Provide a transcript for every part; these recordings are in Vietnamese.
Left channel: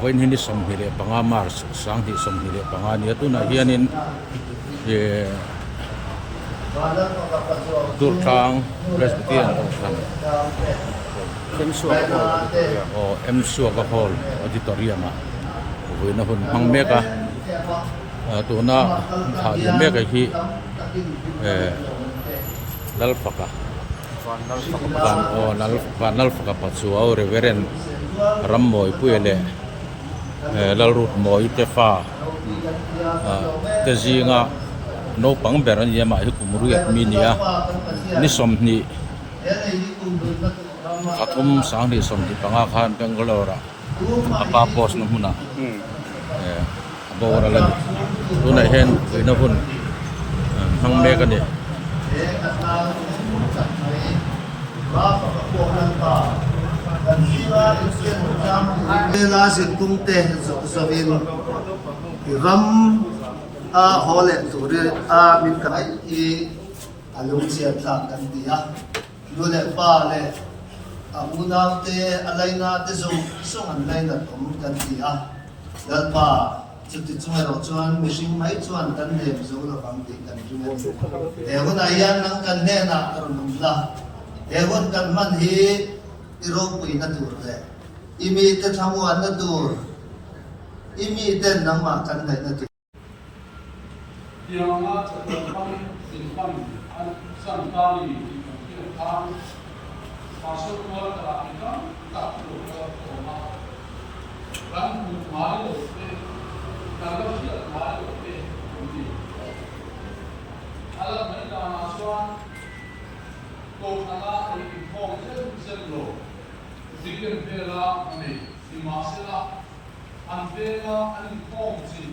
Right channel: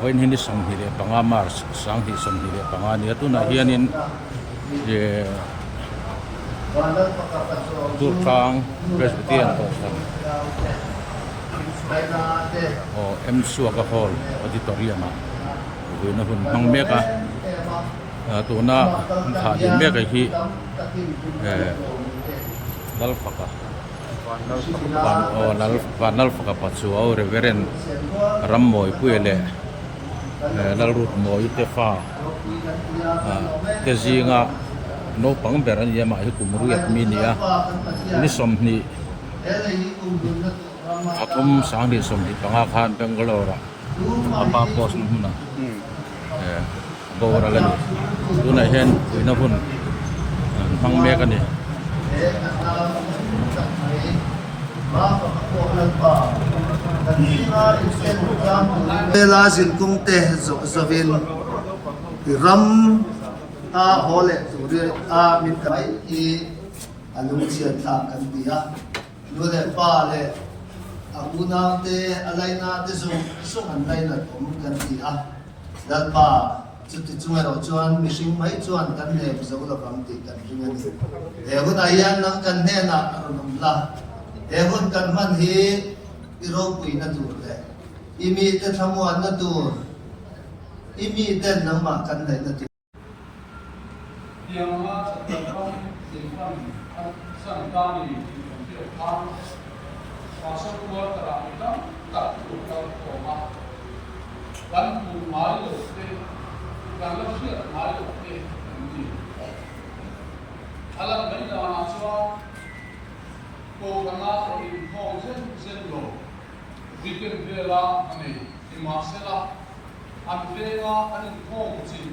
Với hình som hi le panga mars sang hi som hi le panga ni tu na hianin ye tur thang presbyterian to kan em suaka hall auditorium a voi na hun mang meka tu na tha ye meka hi lal paka van faka pachu au reverend rammoi puele lal rut moi te fa te zinga no pang beran yama hi kumruat minia ni somni khathum sang ni somni panga khan Bangalore apa pos na huna abora lan tu na hen puina hun hang me ka ni Bela sin kung te zovin ram a hole turi a min kai I alung chian tha kan dia lule pa le abuna te alaina te sung an laina thom kan dia dal pa chuti chunga ro chuan mishing mai chuan kan le zo la bang ti kan ringa e hun ayan nang kan ne na ron la e hun kan man hi irong pui na tur le imi te thamu an na tur imi ten nama kan dai na tur Yang terkait dengan santani tentang masuk keluar terakhir tak terlalu koma dan mulai oleh karena dia mulai oleh alam ini dalam asuhan koma ini konsep zero dikir bela ini di masalah antara ini konsep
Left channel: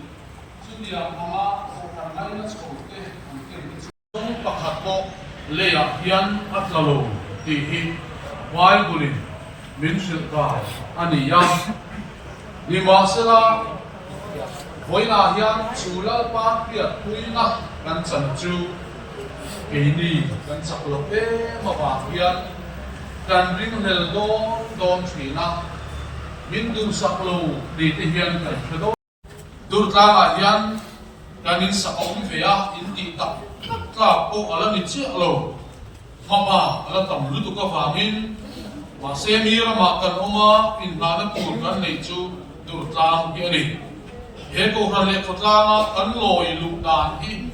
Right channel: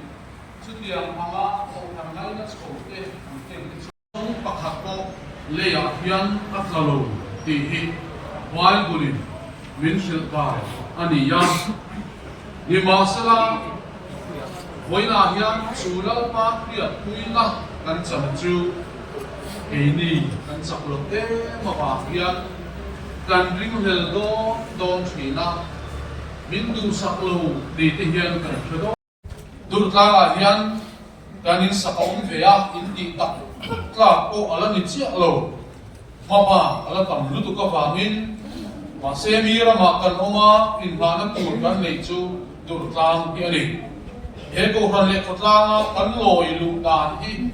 Sudiang nama orang lain sekolah mungkin pakat po leyakian at lalu tihi wai bulin minsil ka aniyam lima sila hoina hian sulal pa kiat puina kan sanju ini kan saklote mapakian kan ring heldo don china mindu saklo di tihian kan chedo Durtlang yan kanin sa kaong veya hindi tak po alam ni siya alo mama alam tamluto ka vangin masemira makan oma inhanan turkan lechu durtlang piani heko ran le khotlanga kan loi lu dan hi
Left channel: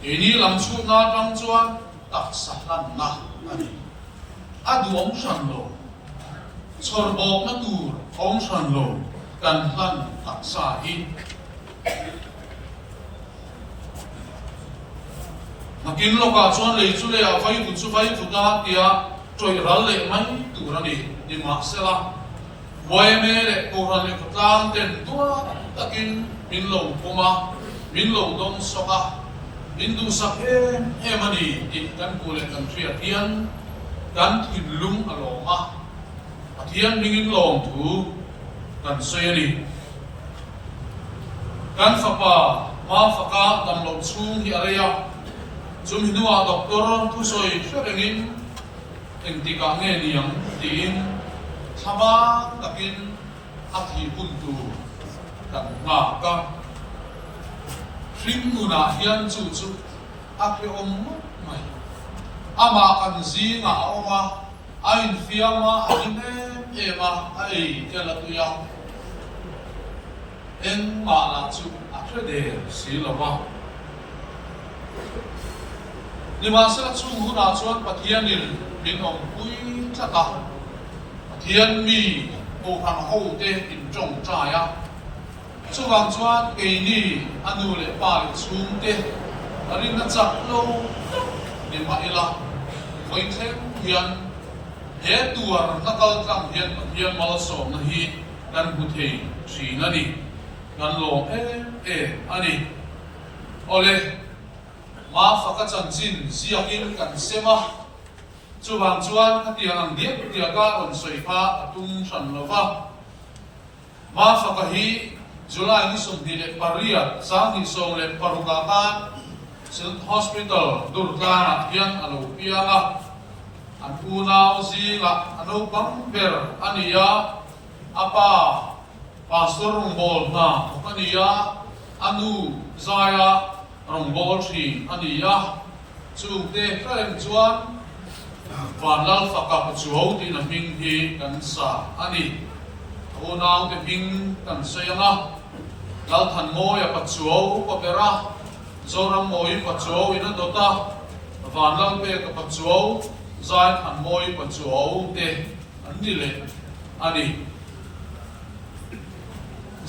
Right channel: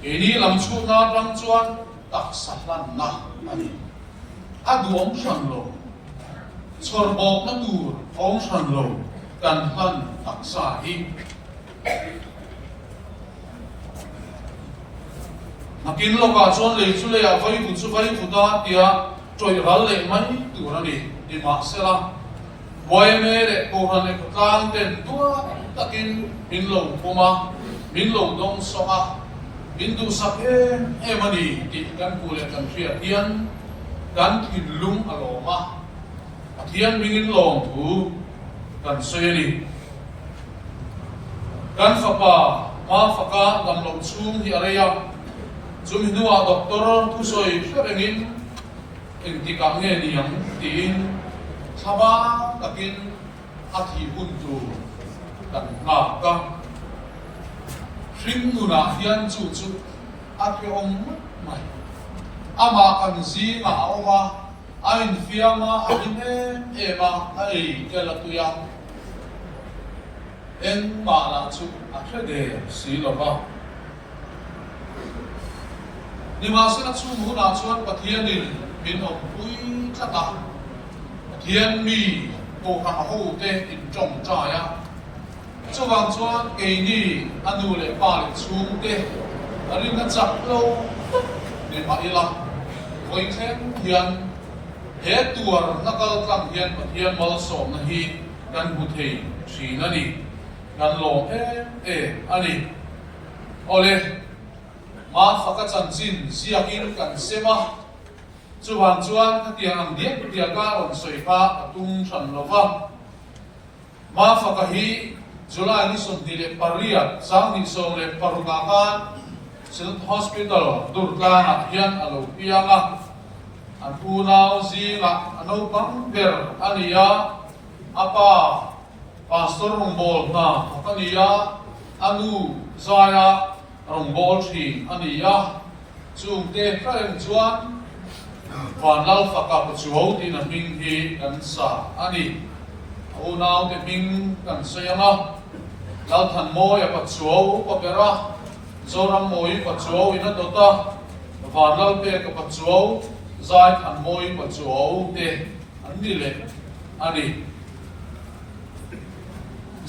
ini lamsu na dang chuan tak sahlan na ani aduom sanlo sorbok na tur ong sanlo kan han tak sahi Makin lo ka chuan le chu le a vai tu chu vai tu ta tia troi ral le mai tu ra ni di ma sela boy me le ko ran le ko tlang ten tu takin min lo poma min lo dong so a min tu sa pen e mani di kan ku le kan tria tian kan thin lung a lo ma pathian mingin long tu kan se ni kan fapa ma faka dam lo chung hi area zum hinua doktor tu soi ferengin enti ka nge niang tin thama takin athi huntu kan nga ka ringuna hian chu chu athi om mai ama kan zi nga oma ain fiama ahine ema ai tela tuya en ma la chu akhde si lo ba ni ma sa chu hu na chuan pathianil min om pui thata pathian mi ko ha ho te in chong cha ya chuwang chuan ke ni anu le pa le chung te arin na chak lo ni ma ila voi then hian he tuar nakal tang hian pathian mal som na hi kan hu the si na ni kan lo ani ole ma faka chan chin siakin kan sema chuwang chuan hatiang ang diep tiaga on soifa atung san lova ma faka hi July ni som dile paria sang ni som le parugakan sil hospital durtla hian alo pianga an una uzi la ano bang ber ania apa pastor rongbol na ania anu zaya rongbol thi ania chung te karen chuan van lal faka chuo tin a ming hi kan sa ani o naw te ming kan sayanga lal than mo ya pa chuo pa pera zoram moi pa chuo ina dota van lal pe ka pa chuo zai than moi pa chuo te ani le ani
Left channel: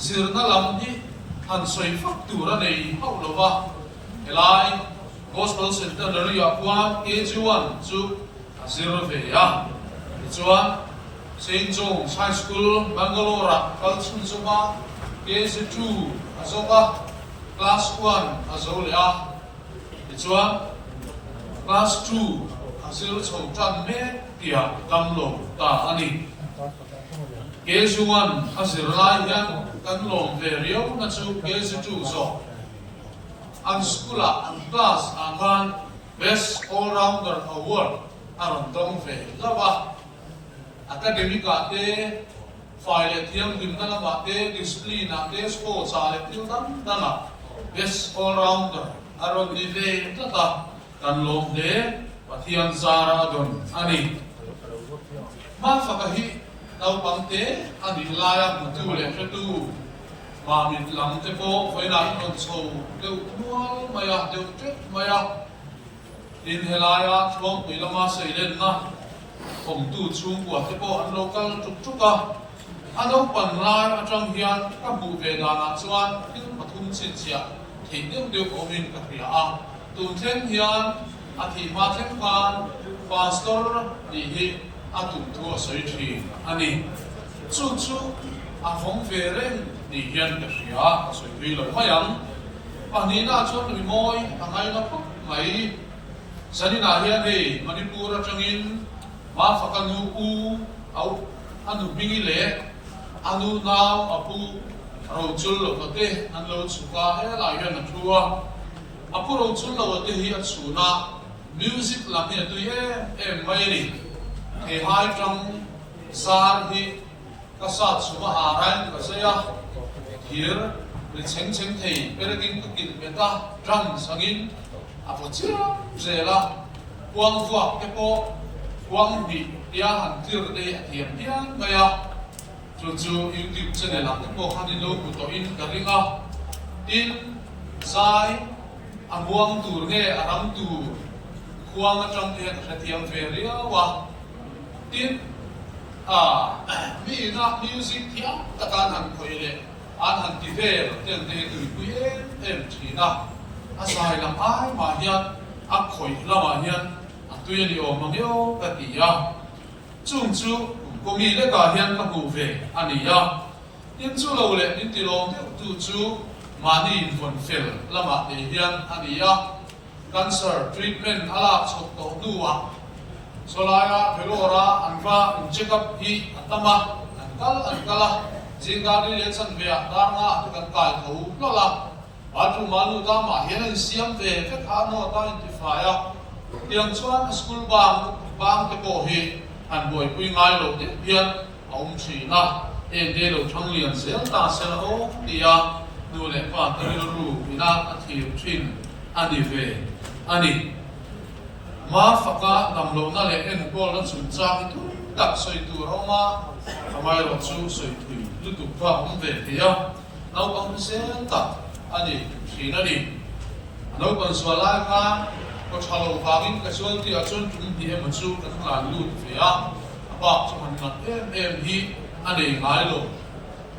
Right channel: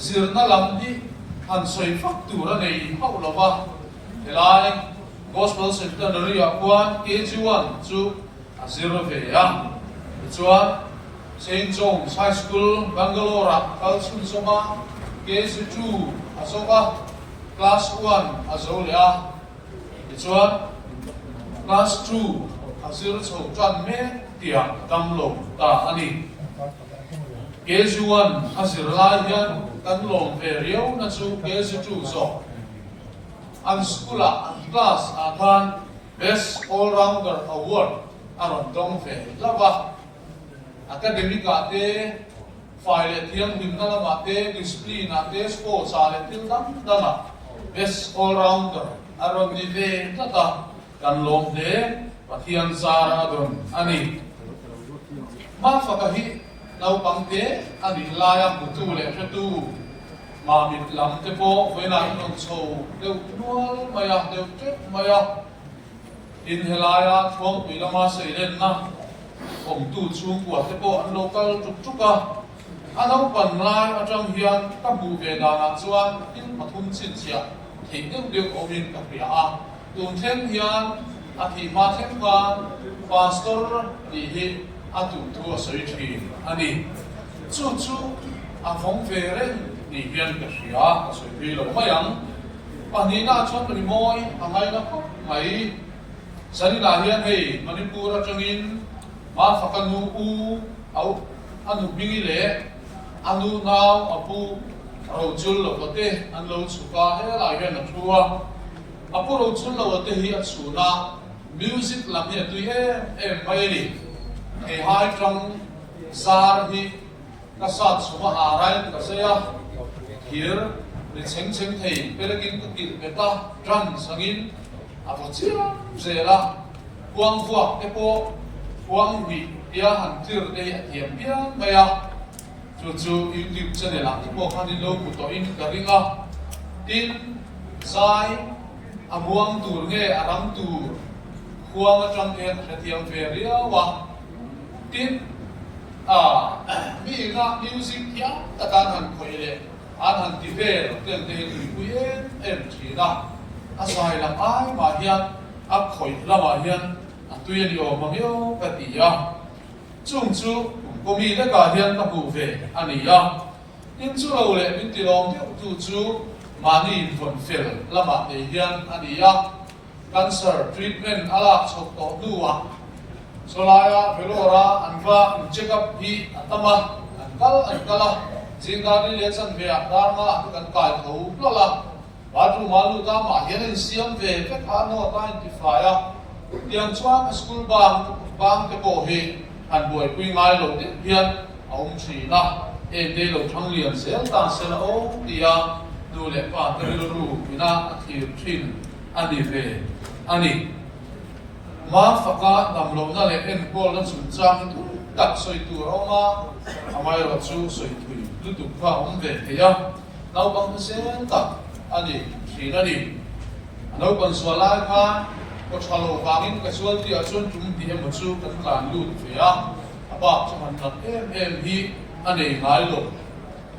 zirna lam hi an soi fak tura nei hau lova elai gospel center ri akwan KG1 chu azir ve ya chuan St. John's High School Bangalore kalchun soma KG2 azoka class 1 azolia chuan class 2 azir chho tran me tia kamlo ta ani KG1 azir lai hian kan lom ve riau na chu KG2 zo an skula class akan best all rounder award aron dong ve lava academic ate file thiam dim na ma te discipline ate sports ale til dam dana best all rounder aron ni ve tata kan lom de pathian zara don ani ma fakahi nau pangte ani laya tu le tu mà mình làm thế cô với lại còn sầu đều mua maya đều chết maya in helaya chuông bị lama xây lên na ông tu chuông của thế cô anh local trục trục à anh đâu còn lại ở trong hiền các bộ về đàn chuan in mà thun xin chia thì nên được ông in cả kia à tuần thêm hiền à thì mà thêm con pastor đi hi à tu thua sợi thủy anh đi chú chú à phong về lên ni hian ka hria soi ri lo mayang pani na chom ni moi angai na ko mai sani na hian hei manipur atangin ma fakanu u au anu bingi le anu naw apu ro chul lo ka te an lo chuka he lai hian na thua apu ro chul lo te hi a chuna music lam hi tu em mai ni he hai trong zar hi kasat suma aran ka saya here le cheng cheng thei perekin ka kil beta drum sangin apo chia zela kuang fuak te po kuang bi ya han tir de thiam pian maya chu YouTube channel la te po khani lo ku to in karinga in sai amuang tur nge arang tur kuang atang te thiam fe ria wa tin mi na music thiam takan han khoile an han ti vel ten te tu pu em thina a sai lam ai ma hian a khoi lama hian a tu ye ni o ma yo ka ti ya chung chu ko mi le ka hian ka pu ve ani ya in chu lo le min ti long tu chu mani von fel lama te hian ani ya cancer treatment ala chok to duwa solaya velora anwa check up hi atama ankala jinga ni le chan ve dar nga kan kai tho plala batu malu ta ma hian siam ve ve kha no ta identify a tiang chuan school bang te ko hi han boi pui ngai lo te hian aum thi na em de lo thang lian sel ta sel o tia nu le pa te ru ina thi thin ani ve ani ma faka dam lo na le en bol na chu chang tu tak soi tu roma amai ro chu soi thui lu tu pa om ve ke ya nau bang se ta ani thi na ni nau kan so lai kha ko chalo bangin ka sual ti a chun tum ti em chu kan la lu ve ya apa chu han na em hi ani ngai lo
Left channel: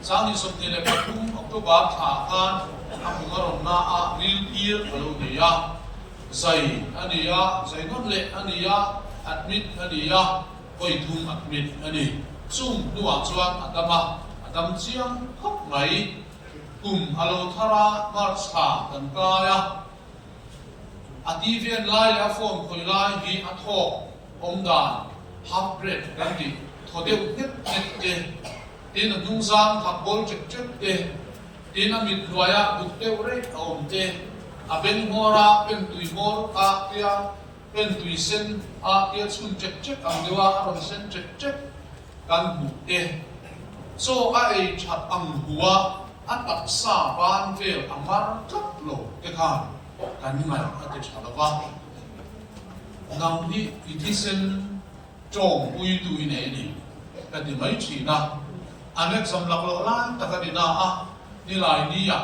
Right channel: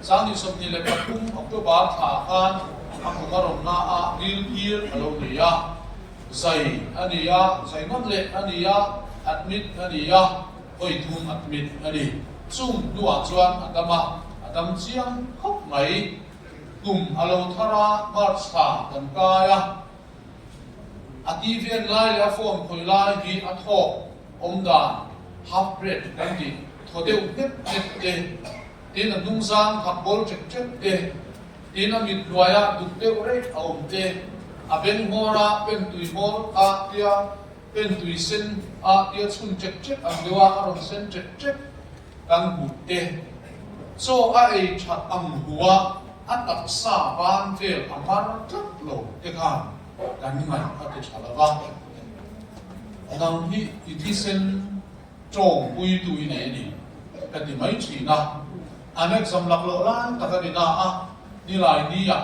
sang ni sop ni le ka kum october tha khan a kumarom na a ril year lo ni ya zai ania zai non le ania admit ania koi thum admit ani chung nuwa chuan adam chiang khop mai kum alo thara mar sa kan kaya ativian lai la form koi lai hi atho omdan half bread kan ti thodeu het te tin dung sang thak bol chek te tin amit loya dukte ore om te aben mora pen tui mor a tia pen tui sen a tia chun chek chek ang dewa aron sen chek chek kan bu te so ai chat ang huwa at taksa ban vel amar tlap lo ekhan kan ngai ate chalawa nang hi itisen chong pui tu ine ni kan di mai china anek zam lak lo la takadina a ni lai ni ya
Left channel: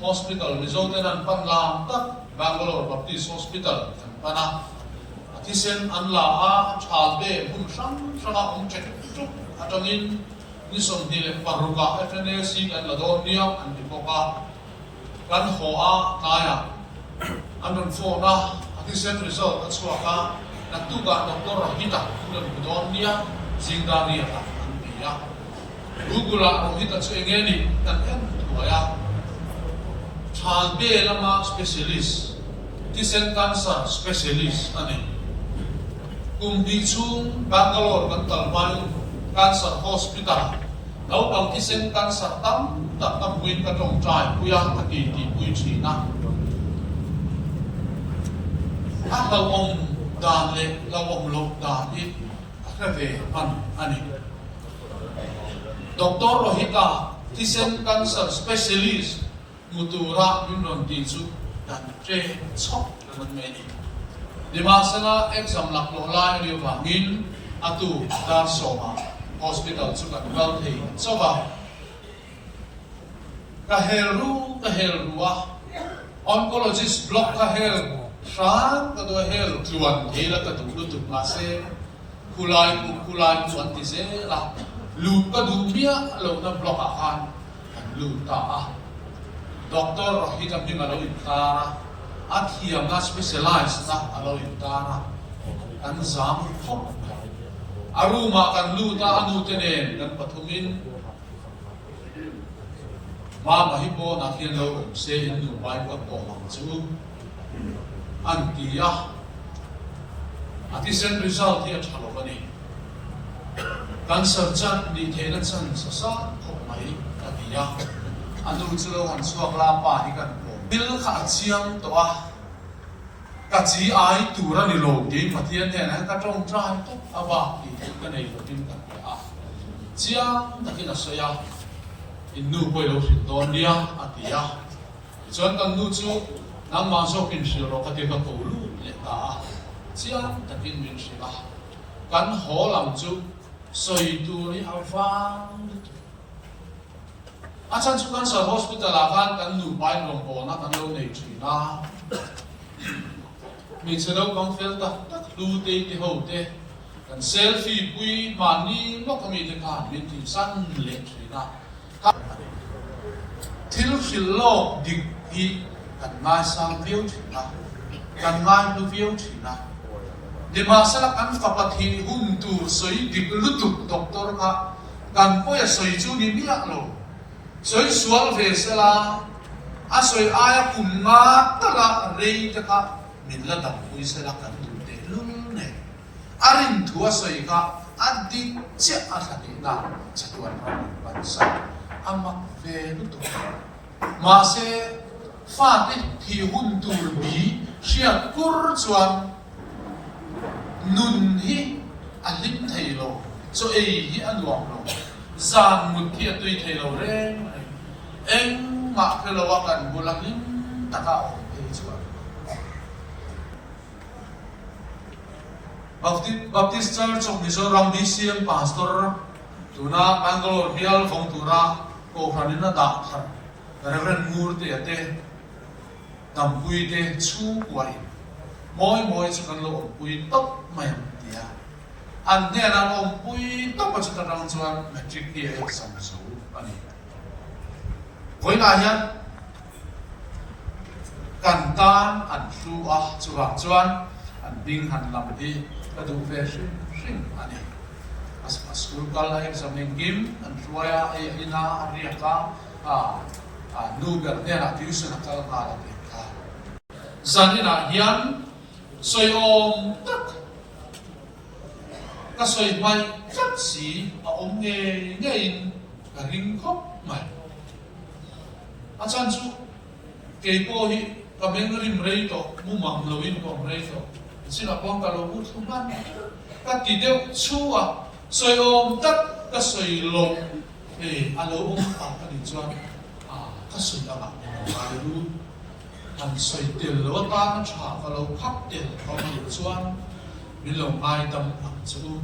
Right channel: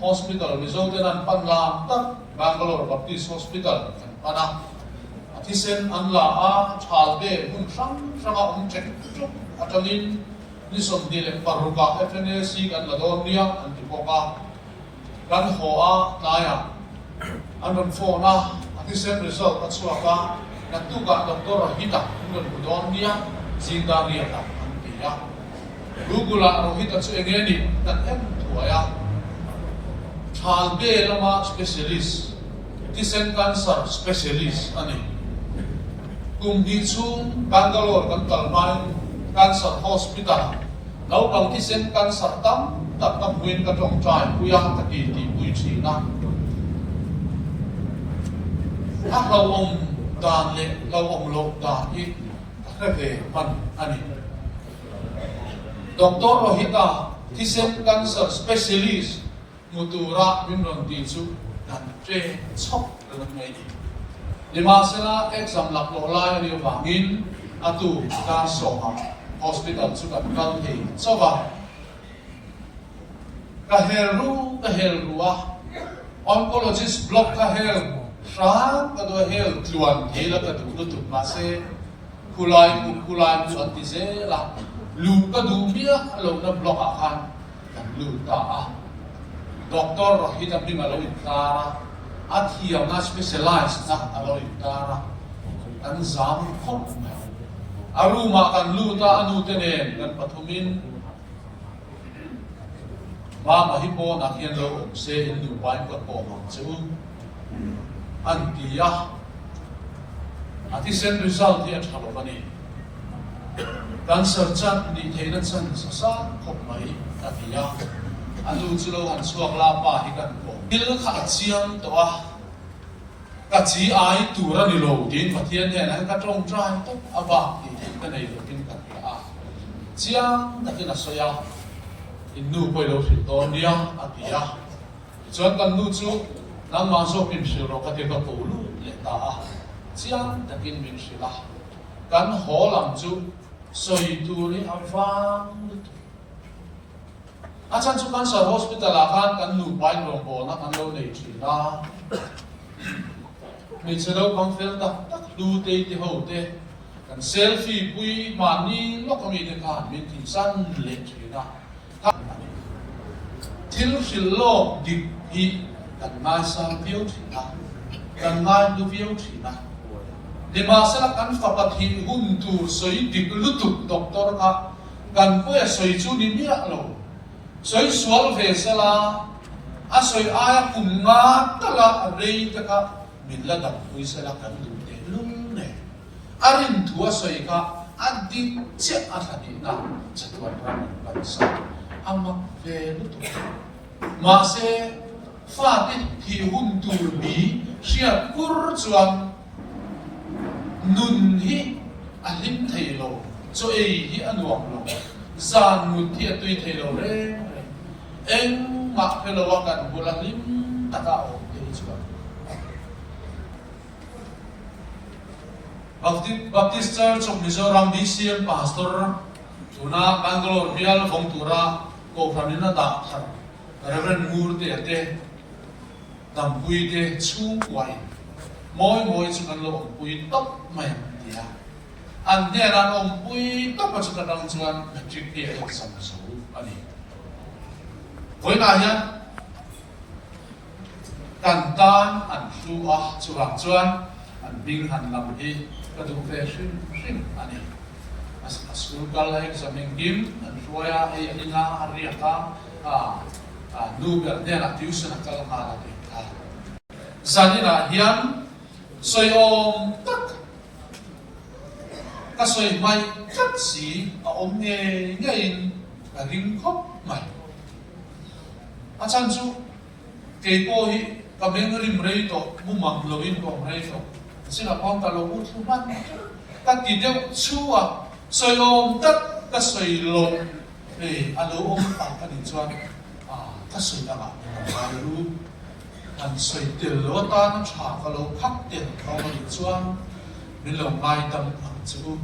hospital result an panglam tak Bangalore Baptist Hospital kan pana atisen anla a chalbe mun sang sanga check chuk atangin ni som dile paruka FNAC an la don nia an dipoka kan ho a naya an don phone na atisen result at suaka natuga doktor hita indon don nia singdaria an pia rugula rohita chu engeni tan em thuaya chalbe lama specialist Tisen cancer specialist ani kumdi chung Bangalore kan talmai cancer hospital lau bang tisen cancer tam tak tam kuin ka tong trai puya ta ti pui china a lau dan le lau lo dan I ve pan ani Dr. Rohita tisen cancer specialist mutura binron ti chu dan tre chok dalam ini. Di masa exam lak lo lai riu bangin atu ka soma hospital juga kal thei soba kahelu oncologist block kahel sang ka do hel tuan hela ka tu tu mase kulai ku anti se la lu ka du bia lo na block akan lu ta Doktor Rohita bima lo intara at hiyam na specialized na alo intara an zam khop aruma kan luta anu tenen kan pathumin ma mahipo na khian lo se in du pai ka ko mang chu an tia atisen result hi athalo bani cancer chan ni theina chan sa khop mai ka tia anu chulo han suak la pa hi kan ko il kha chiang to a ka chi ai tu ra ni lo din pathian he na ka tong trai to aba ti ka nei lo din ka a chiang ta kina soya in nu poi lo ri don dia atia chon kan nu chu nang ma so kin shi ro ka te ka to lu le ta a chiang ta kin min shi la kan ho lam chu soi tu ni avang Achan chu cancer hospital akan kan nu pai rong bo na kan lo nei china mi chelo bang fel ta lu te ho te kan selfie pui mani lo ka mi te kan min tin san le china til fil lo dik hi kan mai sang viu china kan mai lu viu china de ma sala kan fa pat hi hun tu soi dik lu tu doktor ka kan po ya soi chu ni mi lo soi sual ve sala a soi aya kumma tala rei ta ka min la dam pui sala kan tu te lum ne arin thua soi ka adi che a sa ni na chatuan ram ban sa amak ve nu tu ma se fa te thi hun tur bi sia kur chuan nun hi alim thei lo so ei hi anuam lo zan mut thi tui thei lo re eng ma phelo wa kan bulang lim taka o te chuan Baptist Church of Mizoram BCM pastor tuna Bangalore bial khong tura ko pranina da thar Reverend Murte ate dampui te chu wai moi chu kan lo pui top mai dia an ne ran om pui top chu ta rang chuan metric ti exam so ani voi na hian kan tan an su a chura chuan an ding han lam hi ka du ve shin ani as school kal exam kim an suaya ai ina aria ka nu ber ne na tuition kal na la ke zanina hian soi om tak ka soi mai khat si a om nge in ka ring khop mai a chan chu ke po hi ka meng rim rei to mu mang lo in ko rei to sina pon ka lo mu thu man ka ti de chu a soi om tak ka soi lo thì anh ôm tặng anh đi cho các sự đã bạn như là luôn anh xây tiền lúa ta nó trả cái lúa khắp tiền không có được cho mình lòng ai tâm lòng chịu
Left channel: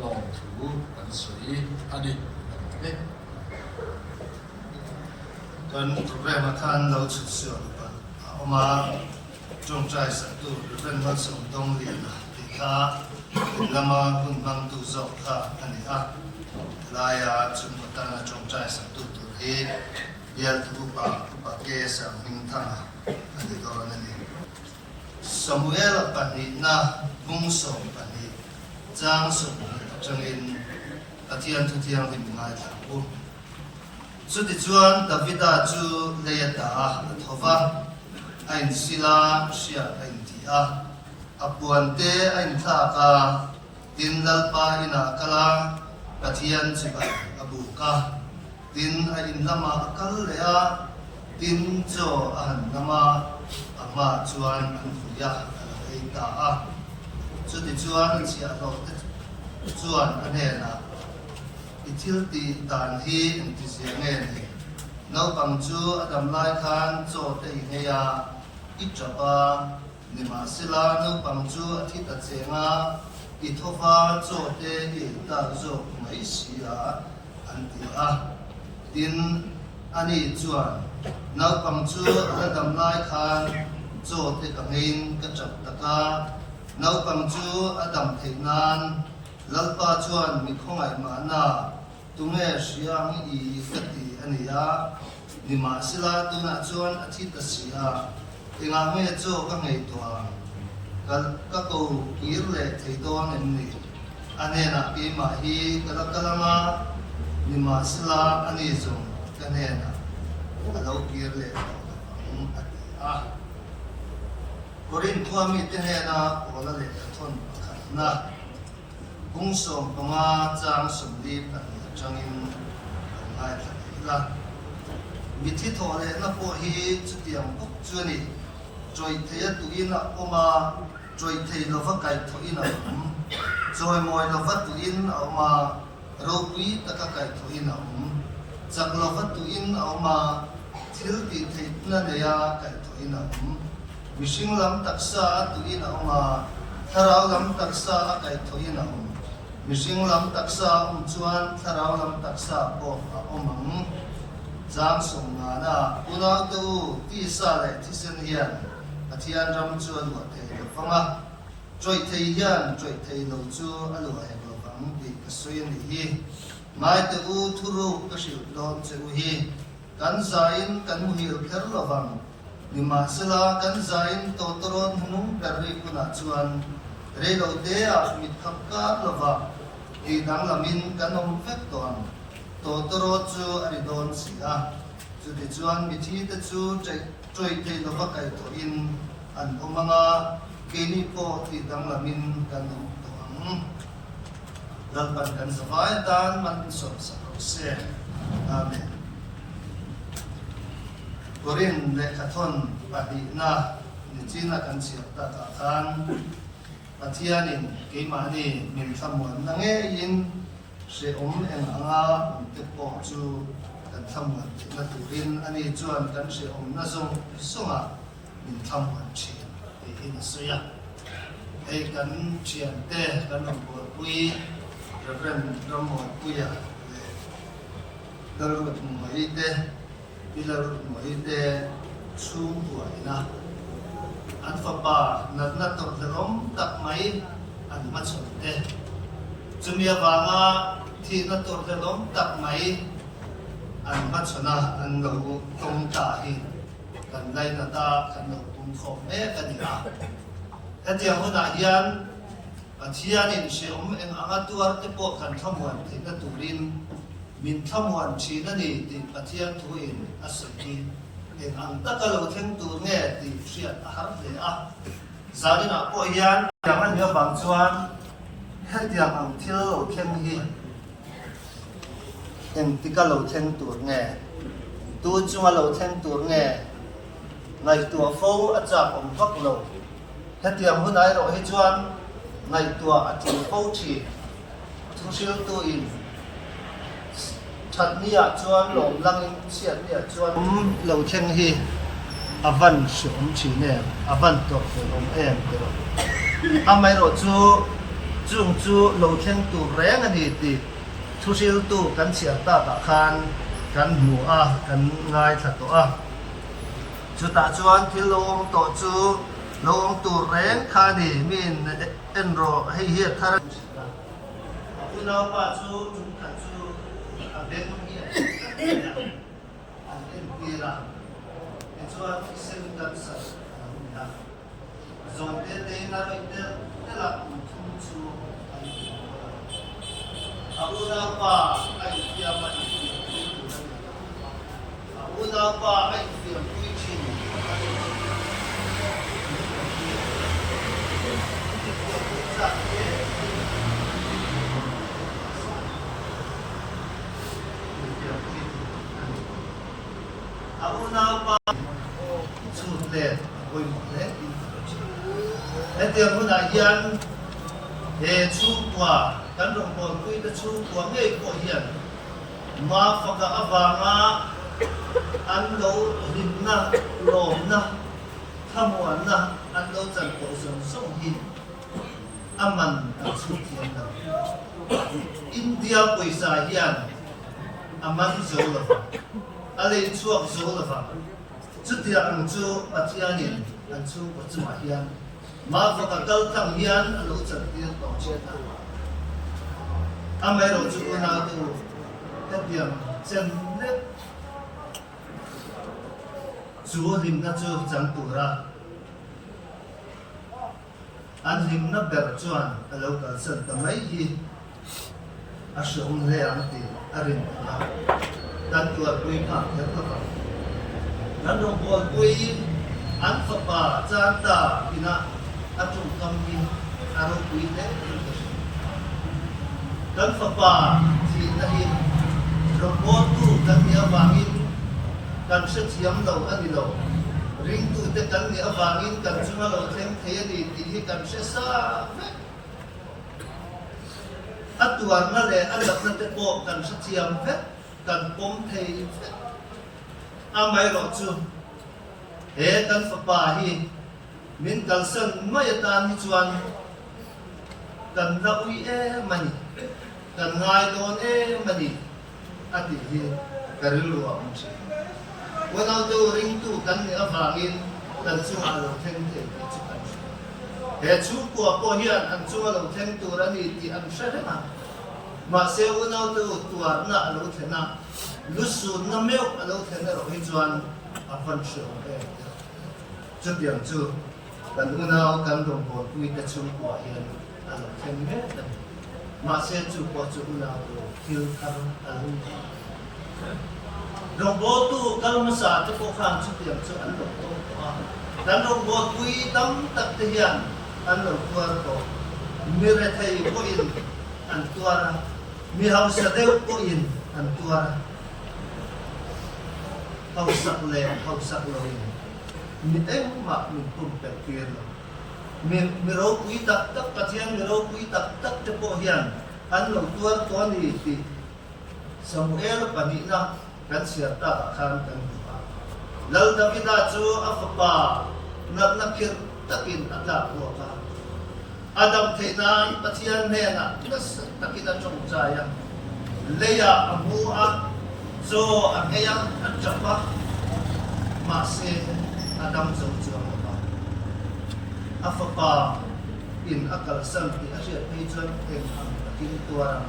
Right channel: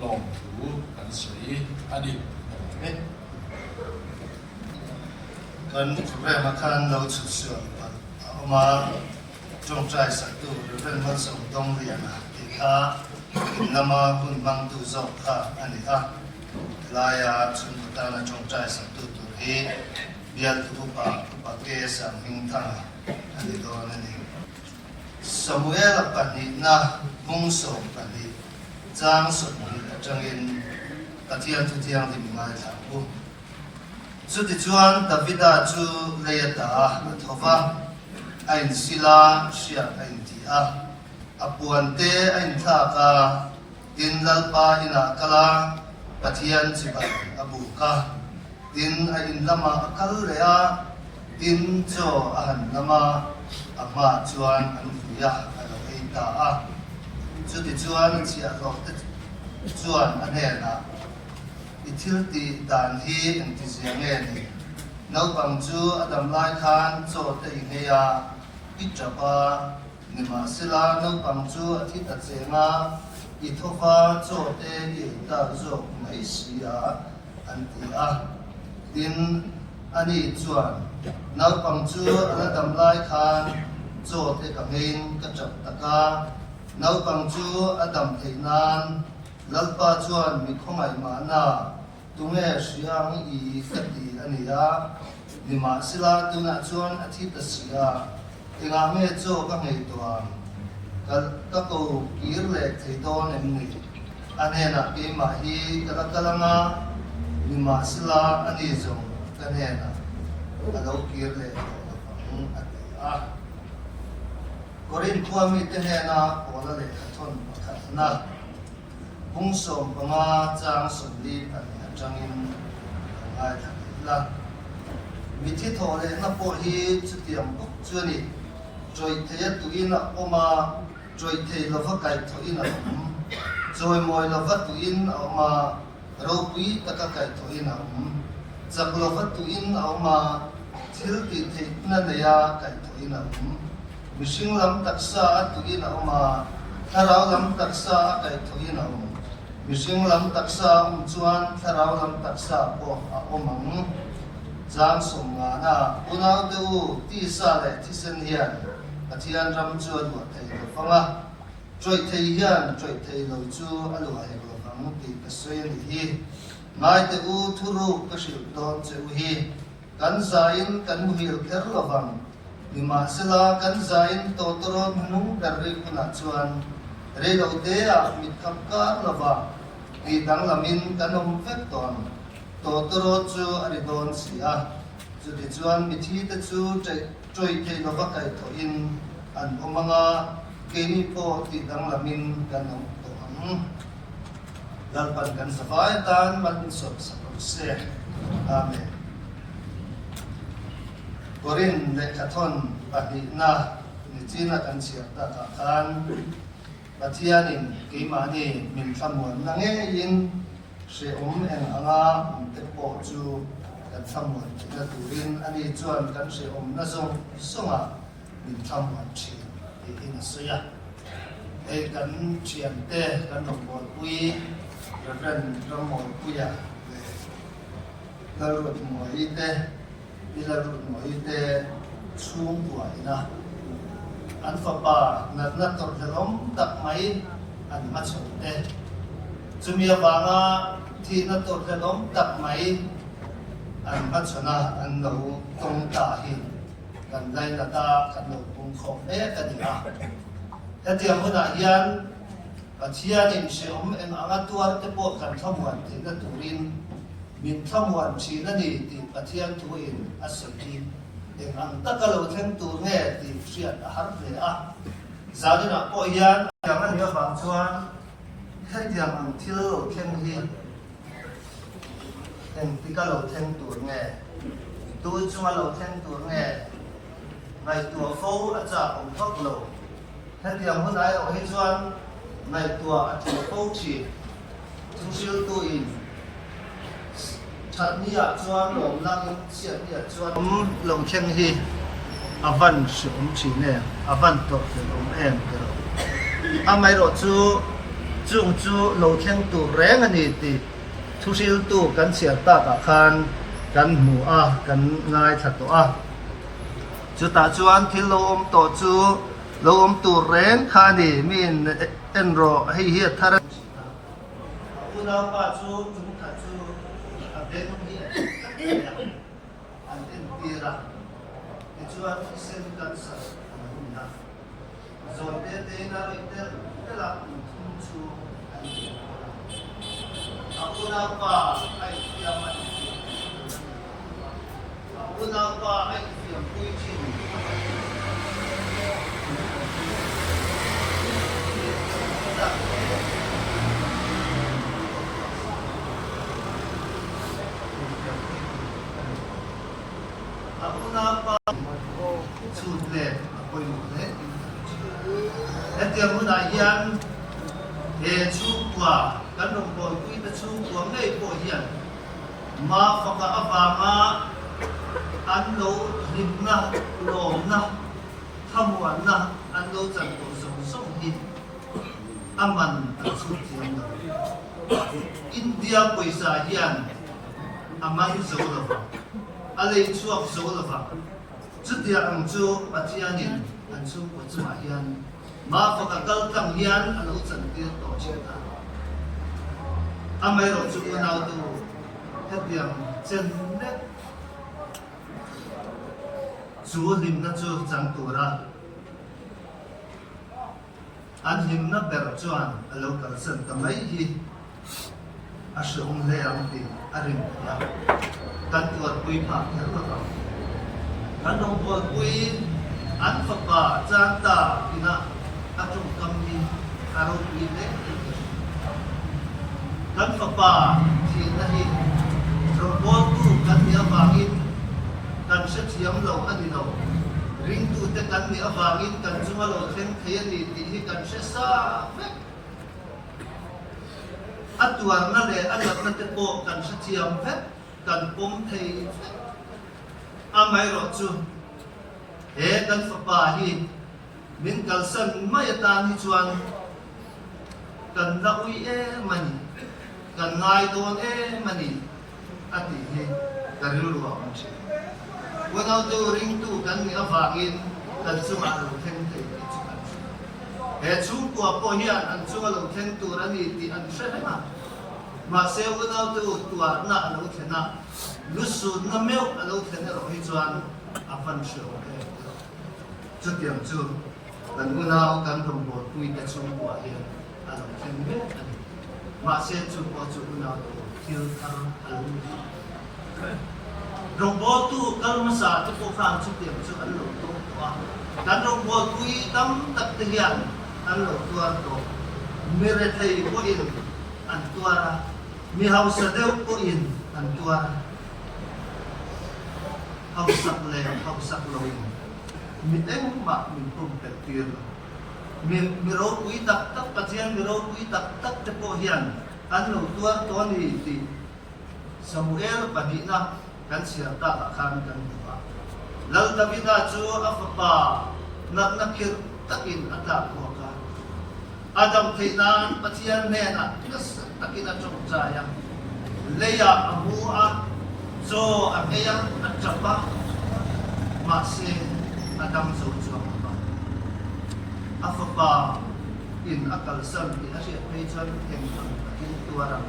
lòng thủ anh xây anh đi đấy cần thực ra mà khăn lâu chút sửa mà trong trái sắc tu bên văn sống đông liền thì khá nằm hun mang tu dọc khá anh ấy lại chuẩn của ta là trong trái sắc tu tu thì biar tu pa ke sang hình thang anh ấy đó nên Samuel pani na mung song pani chang sut chang in pathian thu thiang thì mai thang bu chu ti chuan Davida chu leyata thova ain sila sia ain tia apuan te ain tha ka tin lalpa ina kala pathian chiba abu ka tin ain lama akal rea tin cho ahan lama ama chuan an fuya alo eita a chu ti chuan chia lo te chuan anena ithil ti dan hi ang ti sia nge ni nau pang chu adam lai khan cho te ngeya ichapa nima sila nau pang chu athi ta chenga ithofa cho te ki ta zo mai sia an ti a tin ani chuan nau pang chu adam lai khan cho te kamin ka chap taka nau pang chu adam theinan lalpa chuan mi khongai ma na tunge siang i khati ania nima sila tuna chuan athi ta sia tinga me cho ka ngei tuan ka ko kir le theidon en ni anena ke ma hi kala kalanga nima sila ani zong kanena alo kir le a korin thuami tenena ola le thon pakhatna bungsom panga chang sumli pan changin ngai la mithi thole na po hi chutiam pok chuani choi theya tuina oma choi thei lova kai thoina choi moi lova tuin oma ro pui taka kai thoina chak lova tuin oma thil ti thei na leya kai thoina mishing lam taksa tuina oma tharau lam taksa kai thoina mishing lam taksa chuan tharau lam taksa po a omang jang songa na unau te u ti sa le ti sen hian pathian ram chu lo thei lo fanga choi thei hian choi thei lo chu alu ai lo fang ti ka soi ni hi ngai te u thuru ka sil don che u hi kan zain kan mu hil kher lo wang nima sela kan zain to toron hnu dar re kuna chuan re lo te a mit khap ka lova e dang lamin kanom vek ton to toro chu ari don sia chu ti chuan mi thi te chu troi te lova kai tho in an omanga ke ni po ti dang lamin kanom to ang lalpan kan savai tan man so sakro se amen korin le khathon padi na ni china kan siat ta ta kan pathianin keimani min thamuan nange in se eng anga te po chu kan thamuan na turin ani chuan kan se na song songa min thamuan chi te in sia e kan chian te kan bol pui reverend domol puya darut moi te bilarut moi te chung tuai na an fa pa nat nat tor thelom tak mai an ma chon te chumia wanga thi na tor thelom tak mai an ma chona an lo tong ta hi kan lai na ta kan lo kung kho me ka ni a heti hona hian pathian in se eng anga tuar te po kan thamuan thi na turin min thamuan chi na ni ti pathian thu in asoi eng ang takalo theng tu nge ti siat har le a zarina po hian yang an ya bang chuan hetiam ang thil khem hi eng tikalo theng tu nge tu chunga lo theng tu nge ngai tu fo a cha om vak lo hetiam hunai o hi chuan ngai tu a tu fo chi thu sil tu in thật nia chuan lồng lăng xiết nia chuan lồng khen hi avan sum chi ne avan to lom em kero amai ro chu chung chu lo khen tu reng ani ti thu sil tu kan sia ta ka khan kan mu a kan ngai that to a chu ta chuan thilom to chu lom tu reng kha ni min en ro hei hi thar una pa chu chung ta chu a ben hi an en tira e chuan sen kan sa na zon te na ro te la thum chu una pa ai tira ma una pa ai tira pui chin apa sudah boleh mana? Nanti mana yang cuba kan nombor kui itu cuba ngai pohian, ma faka avanga ando rimna lomna thamuanna ando janto song song hin aman asucian na India poisa hian aman zolova alai chuak zolova chutia ang chu patianin an chu ko chuma hian ma faka kal kang hian alo chan tir to cheta amai ro chu na tu hetiam chen ne chu lim na chu chang tura an lim na ber chuan alo kal san tamai hi asong le ang ti arin la kan tuat pui phang ter la kan dong bol pui an fa pa chan ta ina atung kam ni aro pui te kan fa pa thi na hi robot tu kan ni awangin kan se thiam lo ani lo ring tu te kan ni awangin kan chunga lo theng thei ani ti hi kan se sa ve atuar na le alat na te po kan se thiam ve kan pom thei ve amai ro chu kan fa pa hi min kal san mai ta ni chuan kan ra ui e mani kan ngai don e mani ati hi karil ru am che wana tu ring tu kan ni awangin kan chunga lo theng thei ti chu kan chu ko po hian an chunga lo theng tu ra ni ti an hre na ma se wana tu tuar na lo thena lusu na meu lo thena ro hi chuan avan sheo e chu tiang chu kan wana kan rong bo tui ta chung ko hian alo theng me ani ma se chu po chu wana tu thil thar alum rong bo tu kalmasa tu ko kham chu tiang chu an lo to a kan rong bo tui tam tak te hian an lo tuar to mere thei ko in an tuara mi hausa deu ko in an tuara hausak le hausak loin mi eng ma min pum pe tir mi ro pui tak tak patian mi ro pui tak tak te po hian an lo tuar to ni ti Samuel pani na kan sia ta khan kan ba lal davida chu afpa nak nakir takin ada po ka adam theina patian ne na plus takina chong chaya leya amua so akaya atapa mase adam zo chuang ba afpa in akal san ti asia peichon theng ang takin tuarang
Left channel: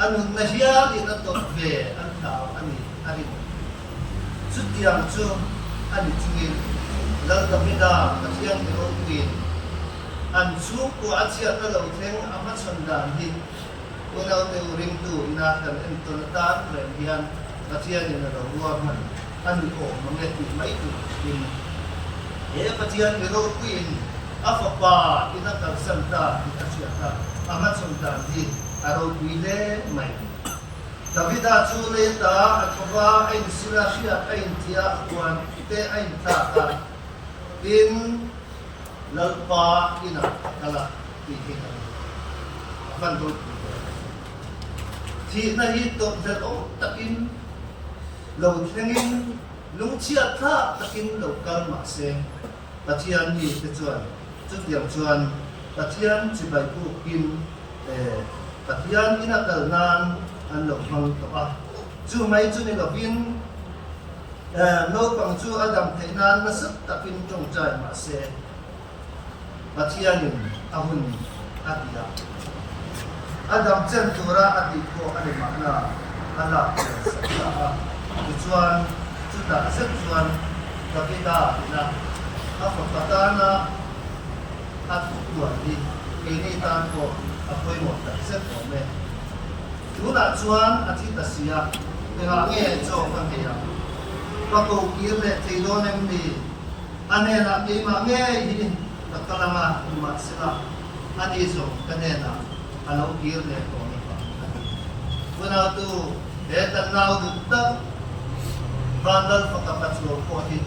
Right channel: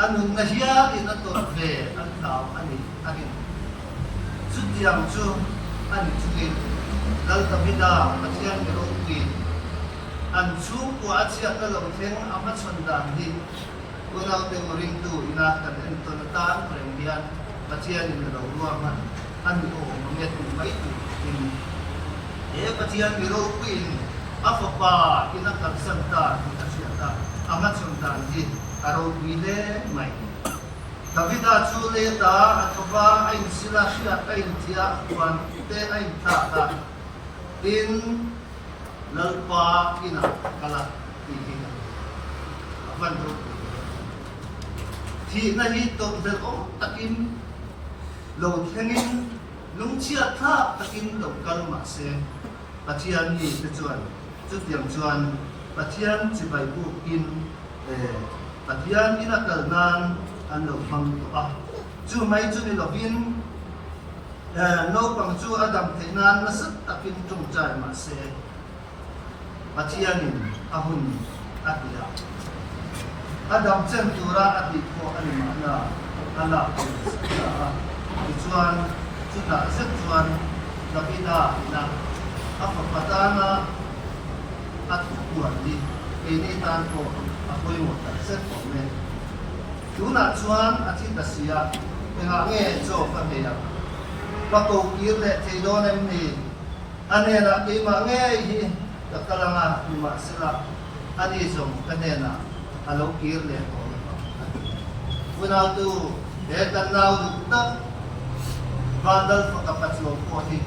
anun na hiya in atot ve an tao ani arin chutiang chu ani chungin lal davida patian ro queen an chu ko achia na lo theng ama chondan hi unau te ring tu ina kan enton ta rem hian patian in lo ruam han ani ko monget ti mai tu in patian ro queen afapa ina kal santa ti achia ta ama chondan hi aro tuile mai Davida chu le ta athwa ain sila sia ain tia kwan te ain ta ta tin lalpa ina kala ti ti apan ro thì na hi to vel om takin lo thengin lung chia tha takin lo kal ma se pathian ni te chuan chu tiang chuan pathian chi bai ku kin pathian ina kal nan an lo mang to a chu mai chu ni lo vin no pang chu adam theinan na sat takin tong chai ma se pathianin ahun atia adam chen tura ati ko ani makna ala sa chuan chu ta set chuan kapita na patana at kuan di ini tan ko apoy mo ta set ko me tuna chuan ati tasia nga nge cho ka me ya pa ko kirle theilon em ni anena ke ma nge hi patalanga ni ma sila ani so kanena alo kirle ko pa kunau tu de kanau du ta bandal pakapatlo ko di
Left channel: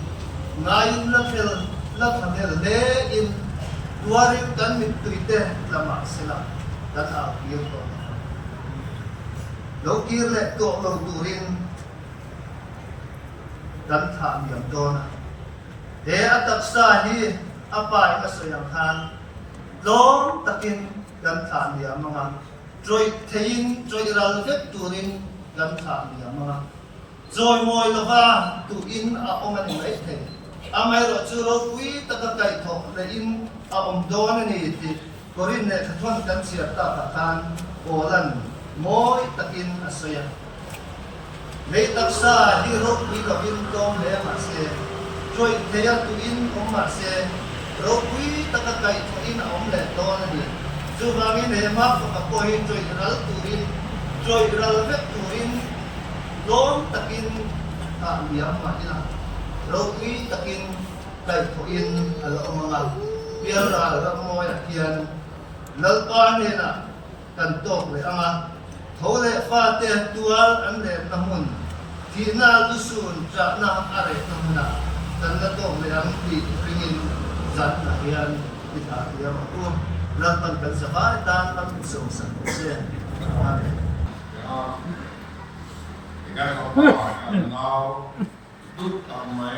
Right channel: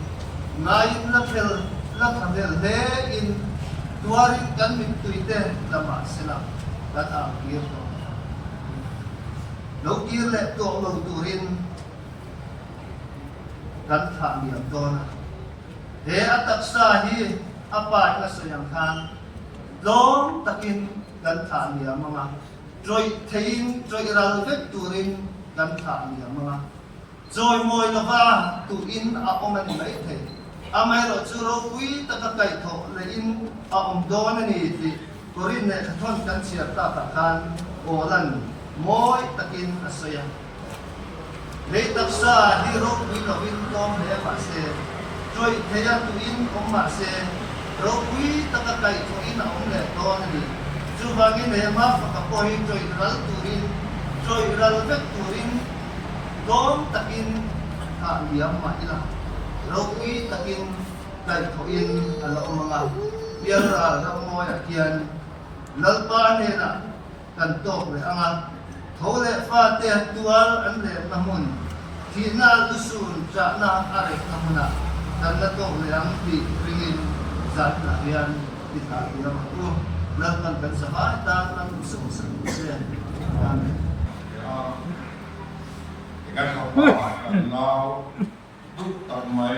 ngayon na tel la thamel de in tuarin kan mit tuite tama sila lata kir to lo kirle to lo turin dan tha mi dona de atak sa hi apa ina soyang khan long takin dan tha mi mga joy thein joy ral vet turin dan tha mi mga rồi ngồi là va tụ in à ông anh ấy thế à mày rồi chưa rồi quý ta cái cái thọ là in à ông đó này thì korin này thon kan siap ta ta kan orang moi takin asya lấy tập sa đi rồi quý là in tom để mà se rồi thế tụ in ông mà se rồi quý ta cái thọ in à ông này đó này chú rằng in này mà phải có hơi rồi ral tụ in rồi ral vết tụ in dom takin liam ma ina roki takin dai thoin alo mga piara ramoy akian nalpa ne na kan tok le anga thole fa te tual an le namun thi na lusun cha na are namuna kan na tok le ang ti ringin zat na yan ita liam ko lampan kan sa tan ang song sa amen ngăn họ bảo ngao đúc tầm mấy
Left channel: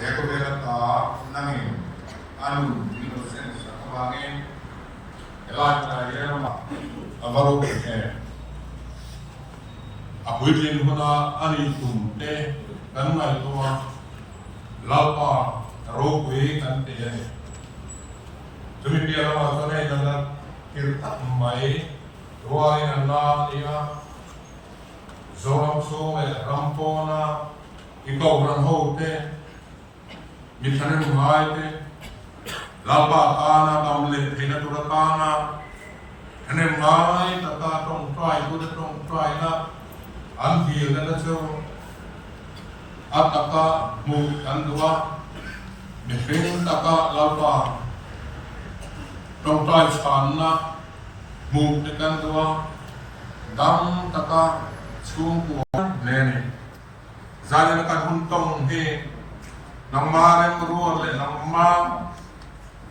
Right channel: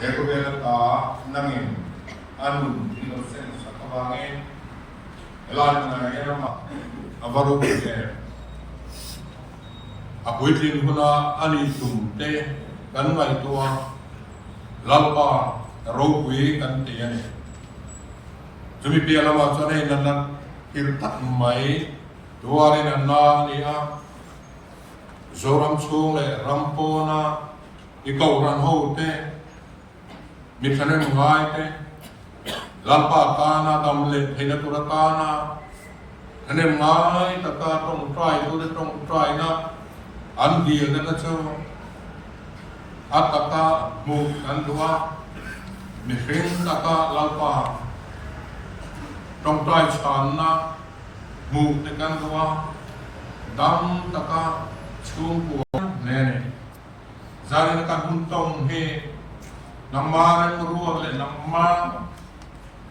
thế có biết là ta năng in ăn đi nó sẽ sắp vào cái loại này cái mà avaru cái cuối cùng nó ăn đi tùng tê cắn ngoài tua lao qua râu quý cắn tê này chúng mình biết là cho nên là cái thằng mấy tua này là nó đi zoram skole rampona ikaw ran hote mithanem ngaite lalpa kana damle hina turatana hanem ngai tata tong trai tu de tong trai na andi na na cho ataka mu andua mihring taka lalpa tong trai sana mu de kan dua dam taka xuống của nè gia đình các hôn tông he nằm ma em ruột lại nằm ma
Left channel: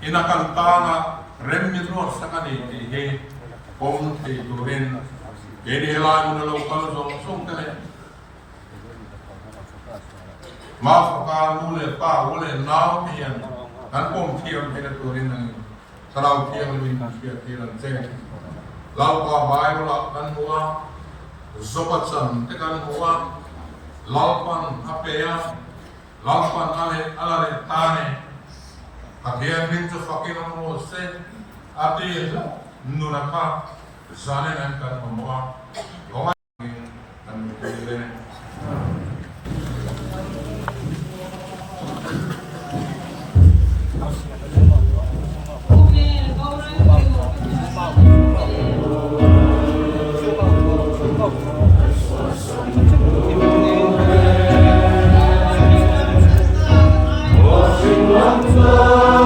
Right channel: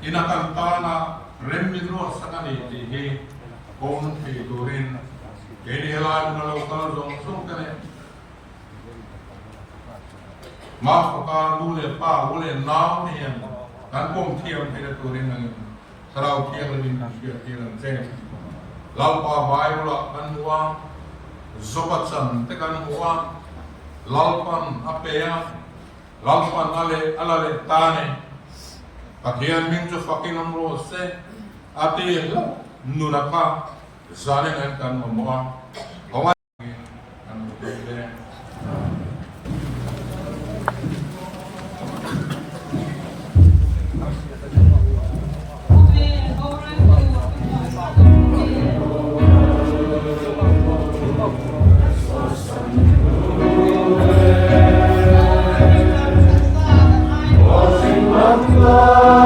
ina kan ta na rem mi ruột sakani thì he om thì turin cái đi lại nó lâu cao rồi xuống thế này ma pha lu le pa u le nao thì kan om thiam thì cái turin này sau thiam mình thiam thì làm thế lâu qua bài nó kan mua zopat sam tekan hoa lalpan apea lalpan ale tane kakian min jo fucking on se ati nunaka zane kan moa konga nam tele Love,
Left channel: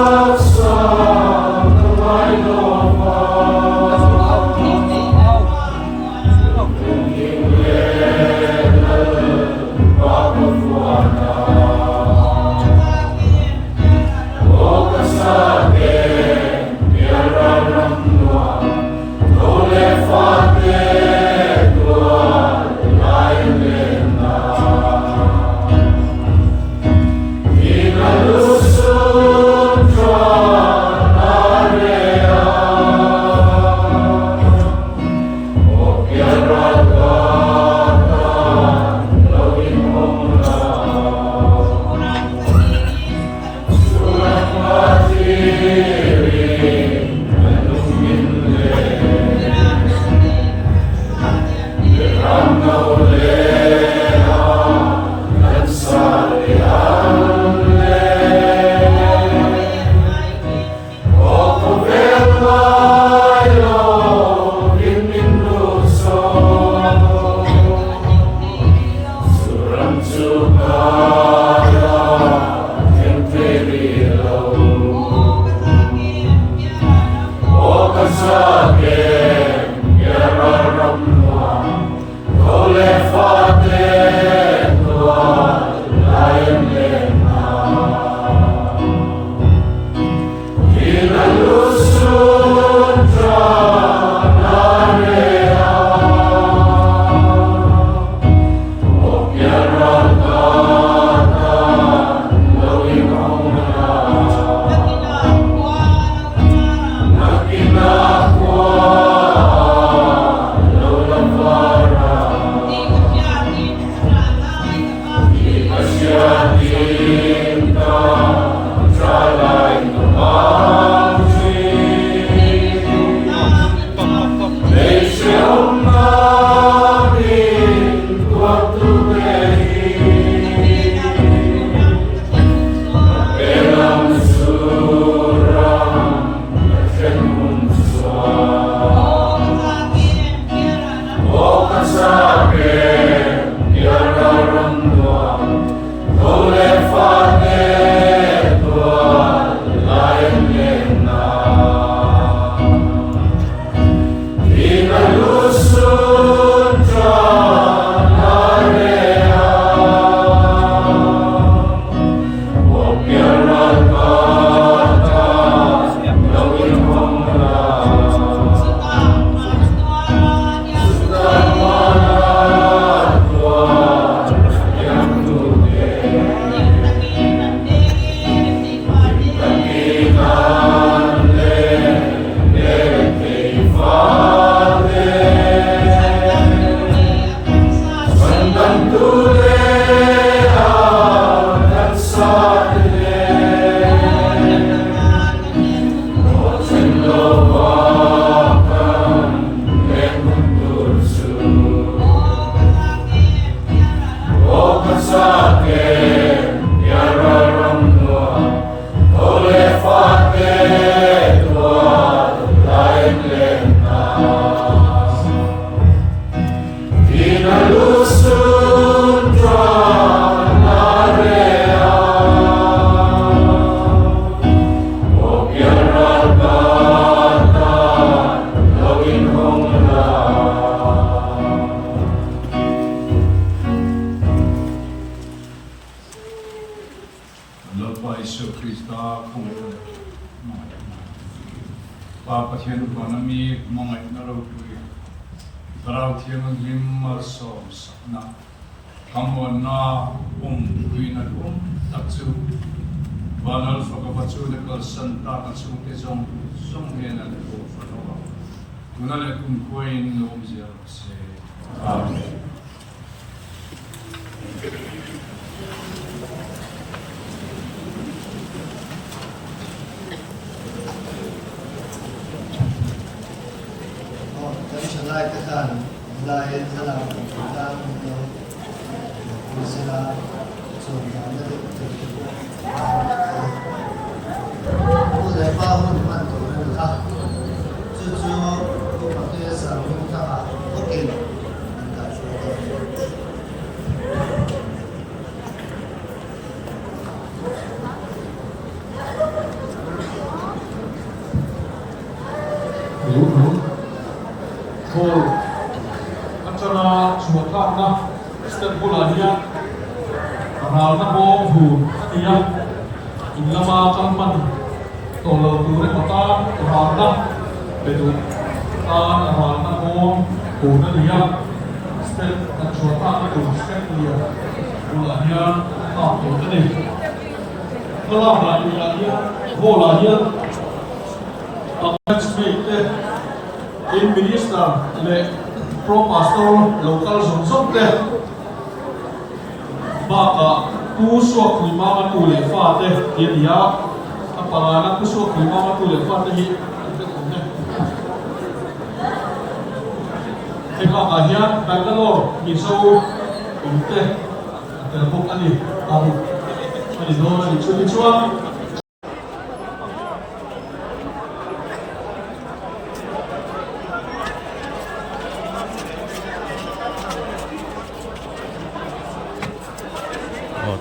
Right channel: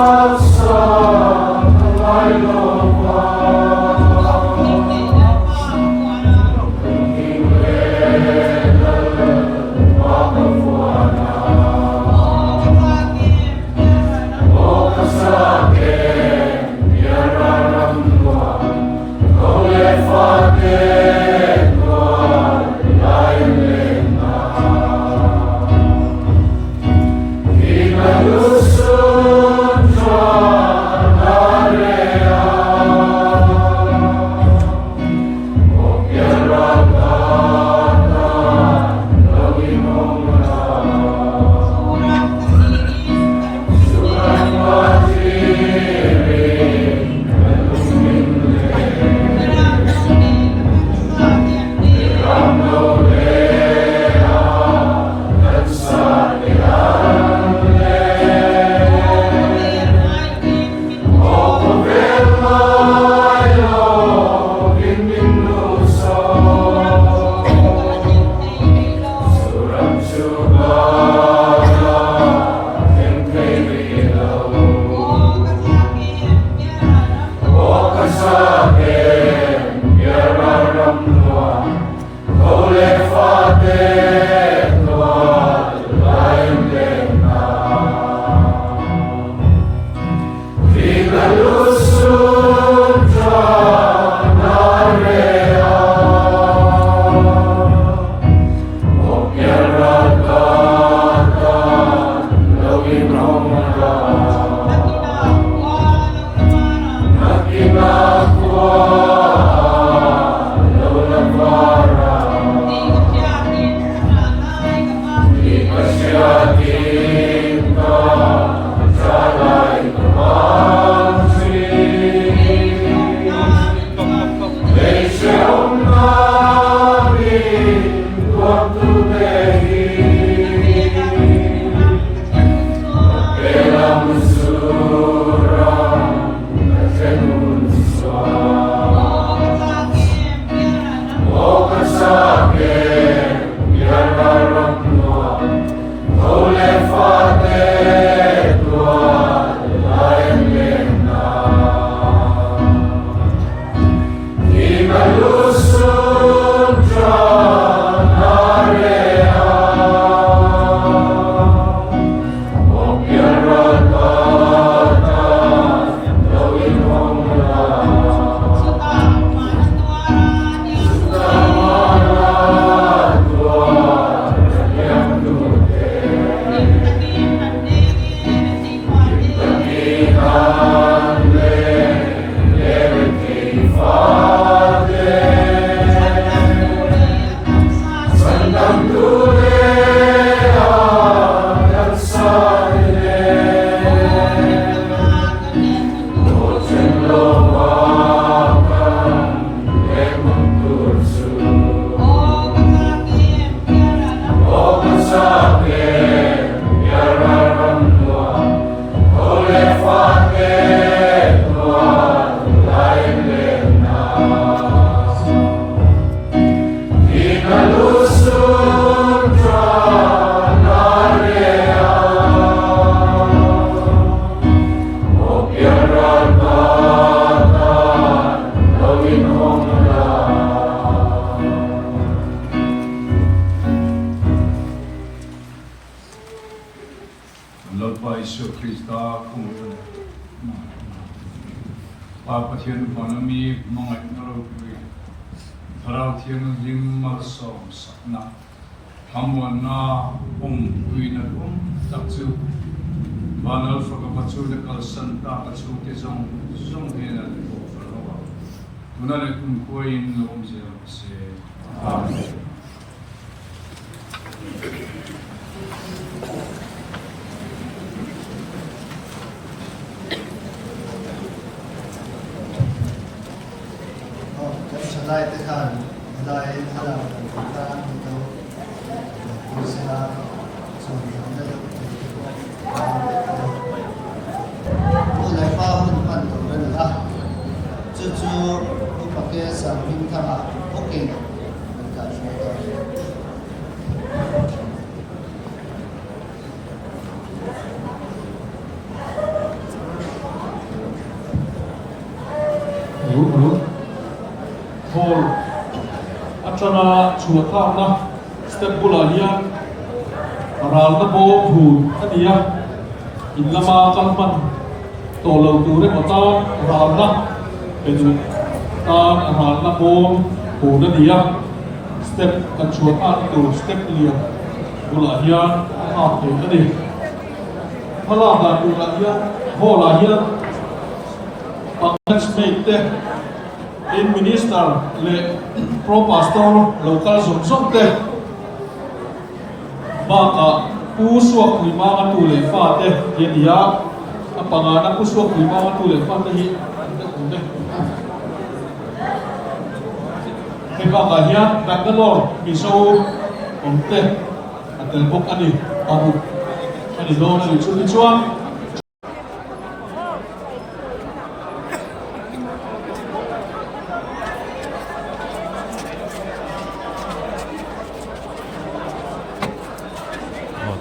Jesu Krista không ai này và phát hiện được nó mi mong ai nó đâu quý rau thiên nó lim mà sòng sắc na ham na quý na tác chú và nó phải có chú nó có sân ta có chú cái dòng hiện là cái bộ phận nó tu na le kun kuain lom zia se amen Lai cái thằng lai thằng nào cũng ta đi đâu cũng sẽ là rồi làm được bố lại ba hôm quan trọng hơn ta chú bố bảo cái sản phẩm thằng nào ok là phải đúng Paul achana chua kham na step bula hiya ral na bo hu ania in lama kan man to lo tu re kota ral na peju ta ral na bo hu na dia step kan chua ka tu step liya bula hiya ha to ani hala ba bula hiya hola hiya let's make the in minister le pro pastor local zong te ba ka pu suak ni ma tu le fa te ye dia apanga na pu suak ni ma tu le fa te hi he ka ga hian Bangalore mi so om te tel bok ani adu ani do na li chua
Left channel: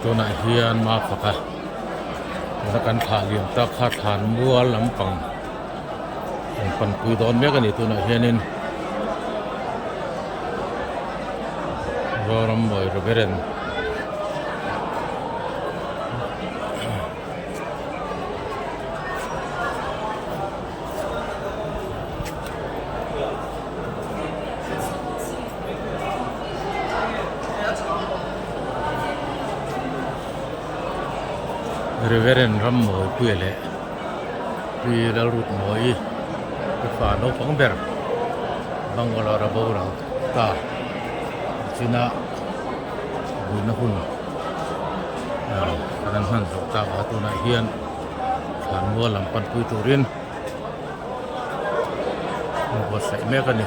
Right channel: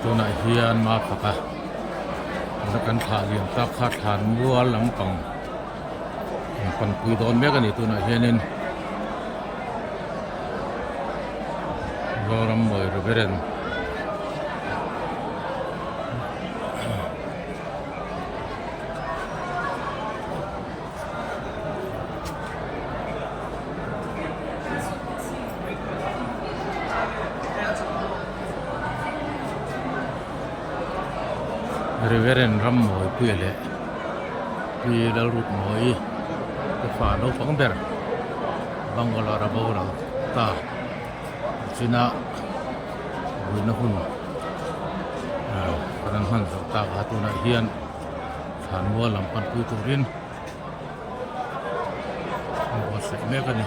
ตัวไหนเฮียนมาฝักแล้วกันถ่าเลี้ยงตาขาดฐานบัวลำปังปันปุยโดนเมียกันนี่ตัวไหนเฮียนินรอรำบ่อยระเบิดReveren ram moi puele pi dal rut moi ke fa no pang ber Bangalore bora ta china buina hun kanan han zo ta ga tu na hian than mo lam pan pui turin mo sai me ka ni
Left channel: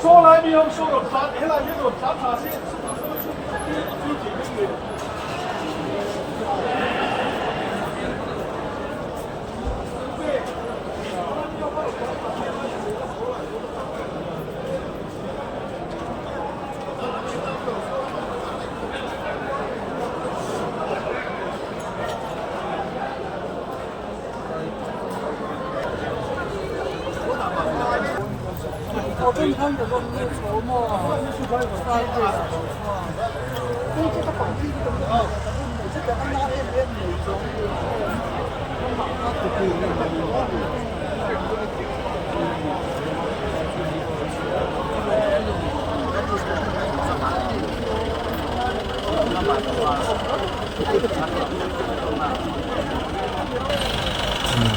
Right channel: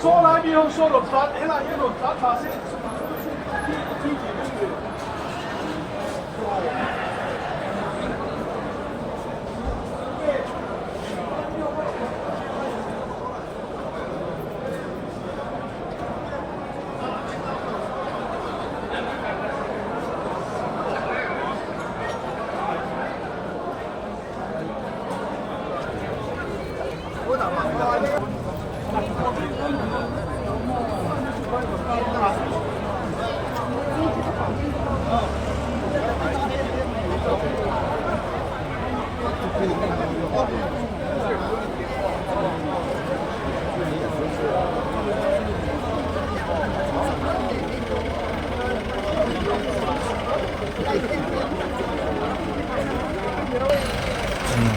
说来没有说了，咱后来那种咱查些。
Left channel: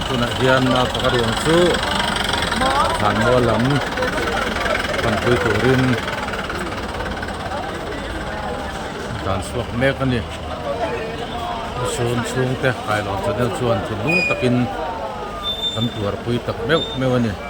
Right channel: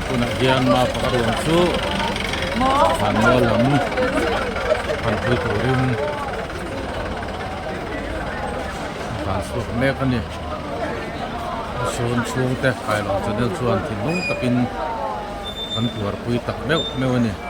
tu nak hian ma pakaruang chu han mo lam pan pui turin tan suak mek ani sun chung te khai lon channel chuan thin lung takin kan tuar pui tak meu meu ani